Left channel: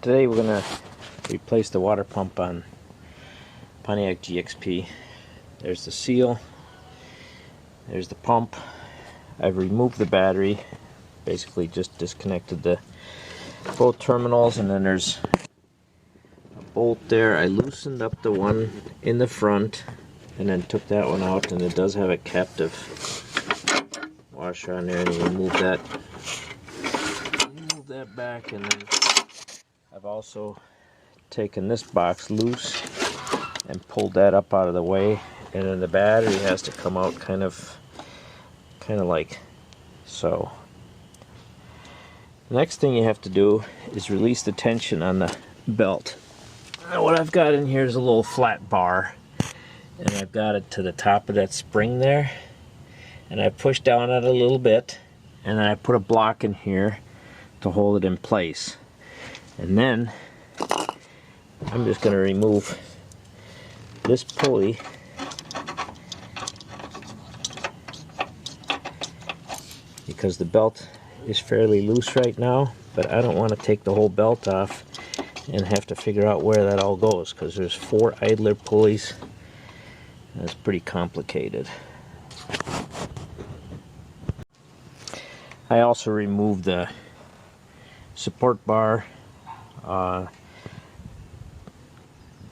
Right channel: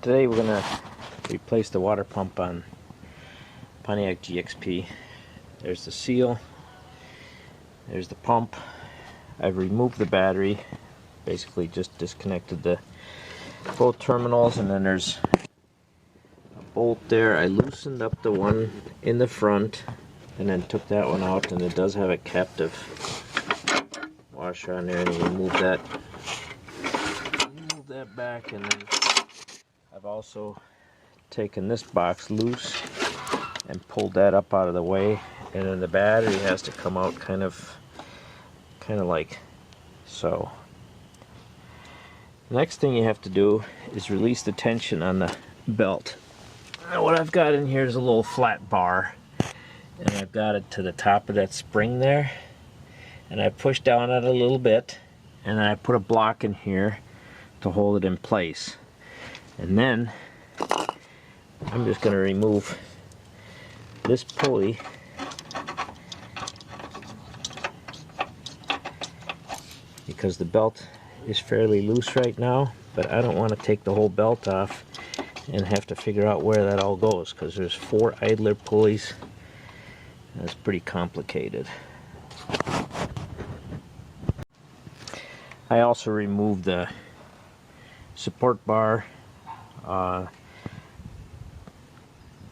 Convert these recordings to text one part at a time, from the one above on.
Today we're going to replace the water pump on Pontiac GXP. There's the seal, there's the pump. I've removed the battery, basically just disconnected both terminals, and then there's a bolt there. I loosened up the one in the front and then took that one out, and it does have a captive washer on there, and you remove that back. And then I've also taken this box loose and pulled that up out of the way, and then the battery has to come out kind of like so. The next thing you have to do is release the tension on the belt. Now what I've got in here is a little flat bar, and I've got it to the top of that spring there, and I push down on it a little bit, and then I put a block in here to hold it in place. And then I'm just going to remove this pulley because the belt is fairly loose right now, but I don't want to take the whole belt off and have to figure out where that all goes, because there's 4 idler pulleys and it's pretty complicated. I also removed the support bar,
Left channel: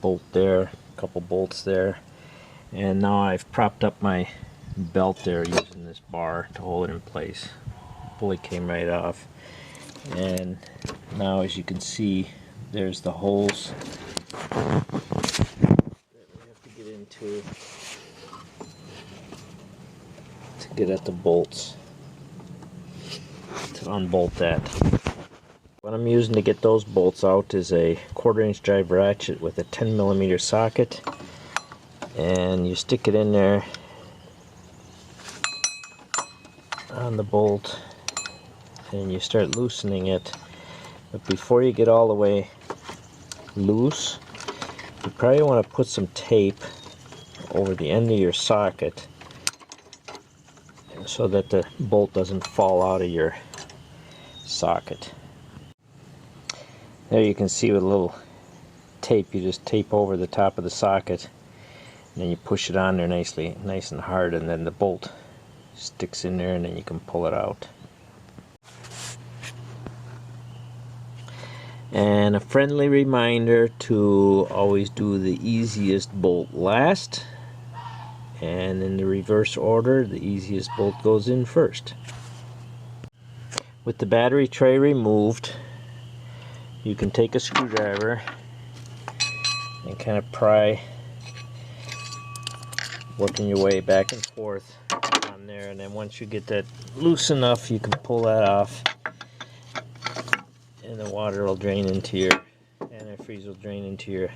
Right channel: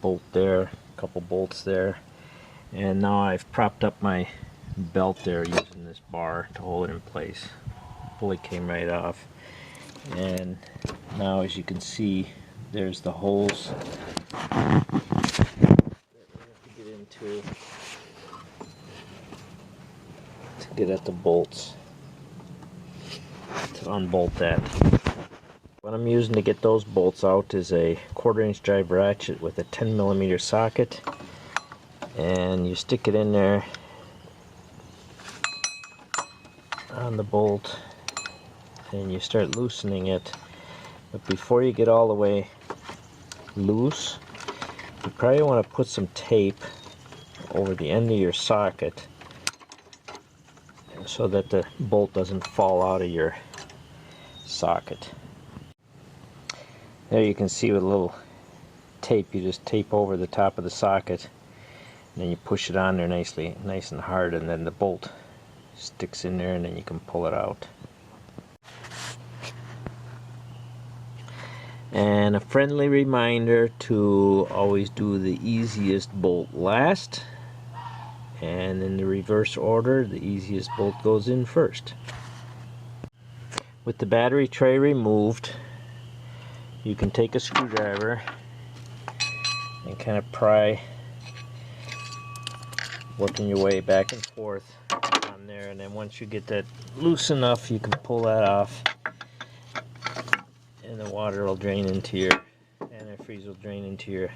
bolt there, a couple bolts there, and now I've propped up my belt there using this bar to hold it in place. The pulley came right off, and now as you can see, there's the holes that we have to get into to get at the bolts to unbolt that. What I'm using to get those bolts out is a 1/4-inch drive ratchet with a 10mm socket, and you stick it in there on the bolt and you start loosening it. But before you get all the way loose, you probably want to put some tape over the end of your socket so that the bolt doesn't fall out of your socket. There you can see with a little tape, you just tape over the top of the socket, and then you push it on there nice and hard, and then the bolt sticks in there, and then you can pull it out. And a friendly reminder to always do the easiest bolt last, and in the reverse order, the easiest bolt goes in first. With the battery tray removed, you can take a screwdriver and kind of pry, working your way back and forth on there, and then once you get that loose enough, you can pull that off, and the water will drain into your antifreeze, will drain into your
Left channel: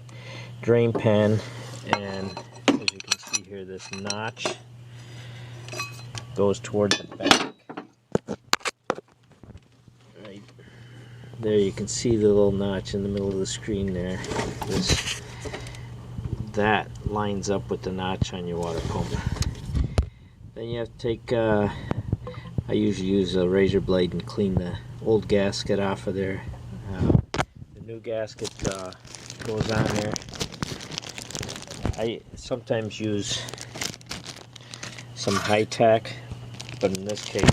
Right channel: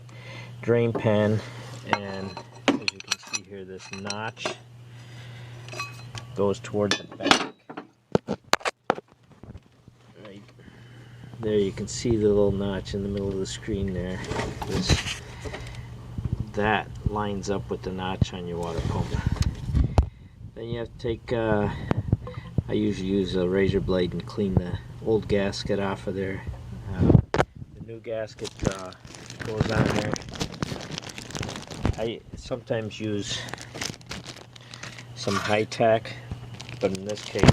drain pan. And as you can see here, this notch goes towards the back. There you can see the little notch in the middle of the screen there. That lines up with the notch on your water pump. Then you have to take, I usually use a razor blade and clean the old gasket off of there. The new gasket goes on there. I sometimes use some high tack, but in this case,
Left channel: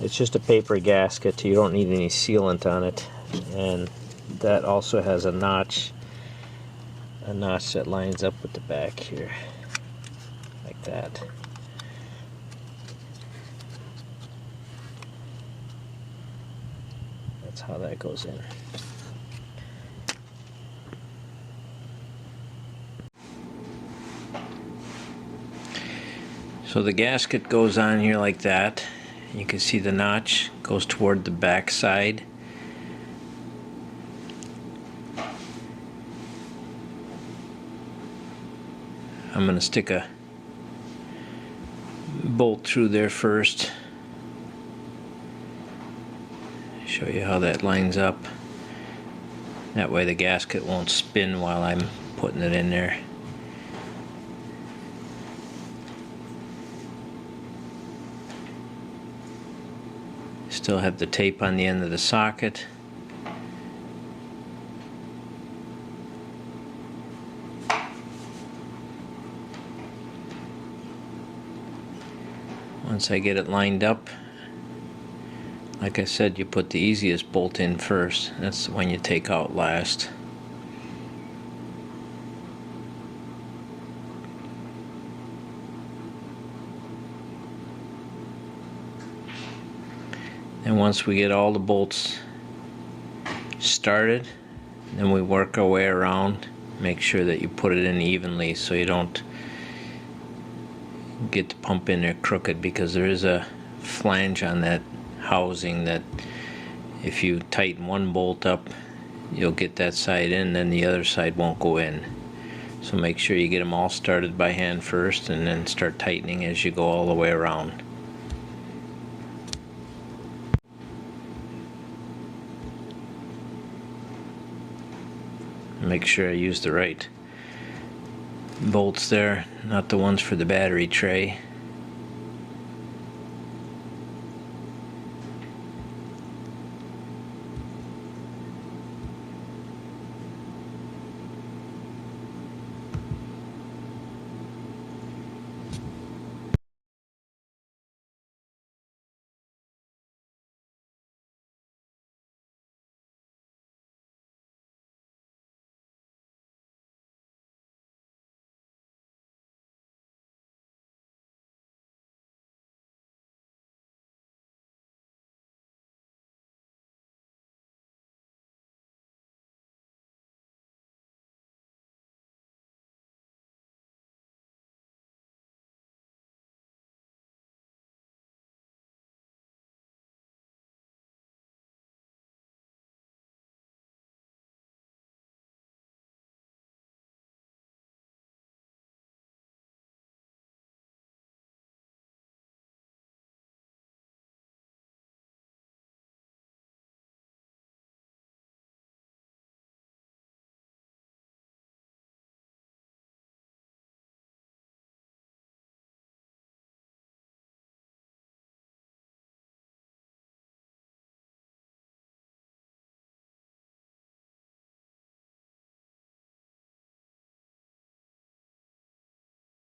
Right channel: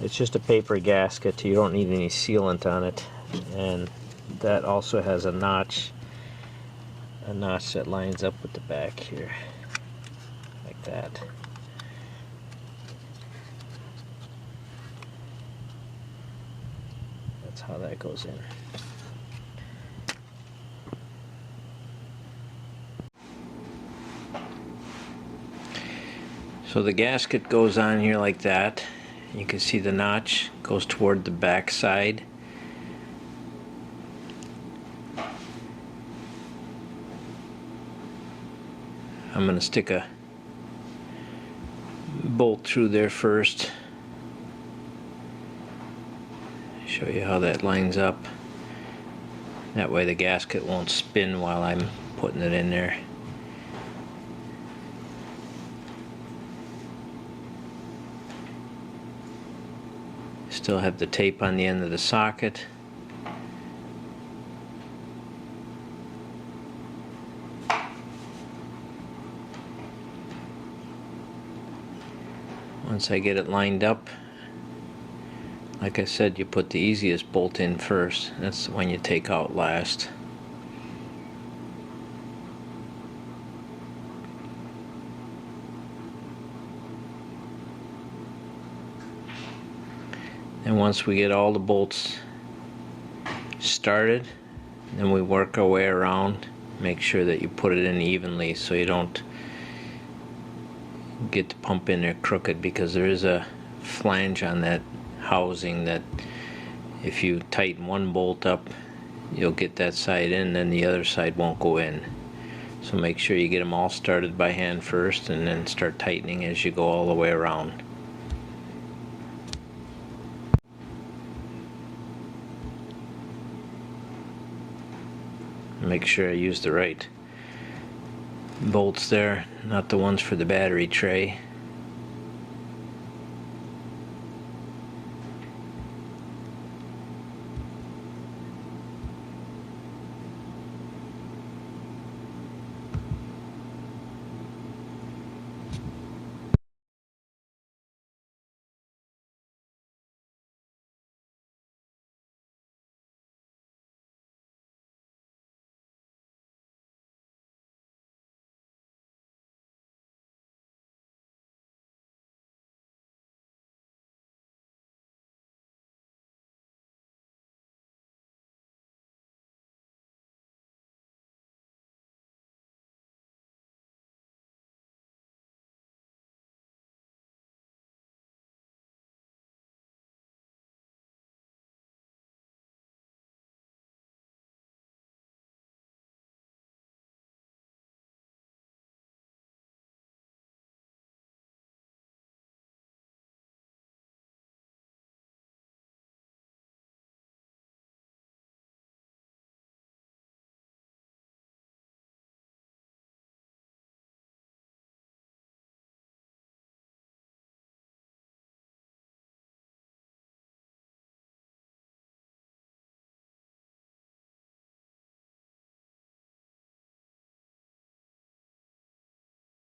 it's just a paper gasket. You don't need any sealant on it, and that also has a notch that lines up with the back here, like that. That's how that goes in. So the gasket goes on here like that. You can see the notch goes toward the back side. I'm going to stick a bolt through there first. Show you how that lines up. That way the gasket won't spin while I'm putting it in there. Still have the tape on the end of the socket. Once I get it lined up, like I said, you put the easiest bolt in first. That's the one you take out last. And once we get all the bolts started, then we work our way around. Make sure that you put it in evenly so you don't get the pump in there crooked, because there is a flange on that housing that if you tighten one bolt up, you'll get that side in, then the other side won't go in. So make sure you get them all started by hand first, and then start tightening as you go all the way around. Make sure I use the right bolts there, not the ones for the battery tray.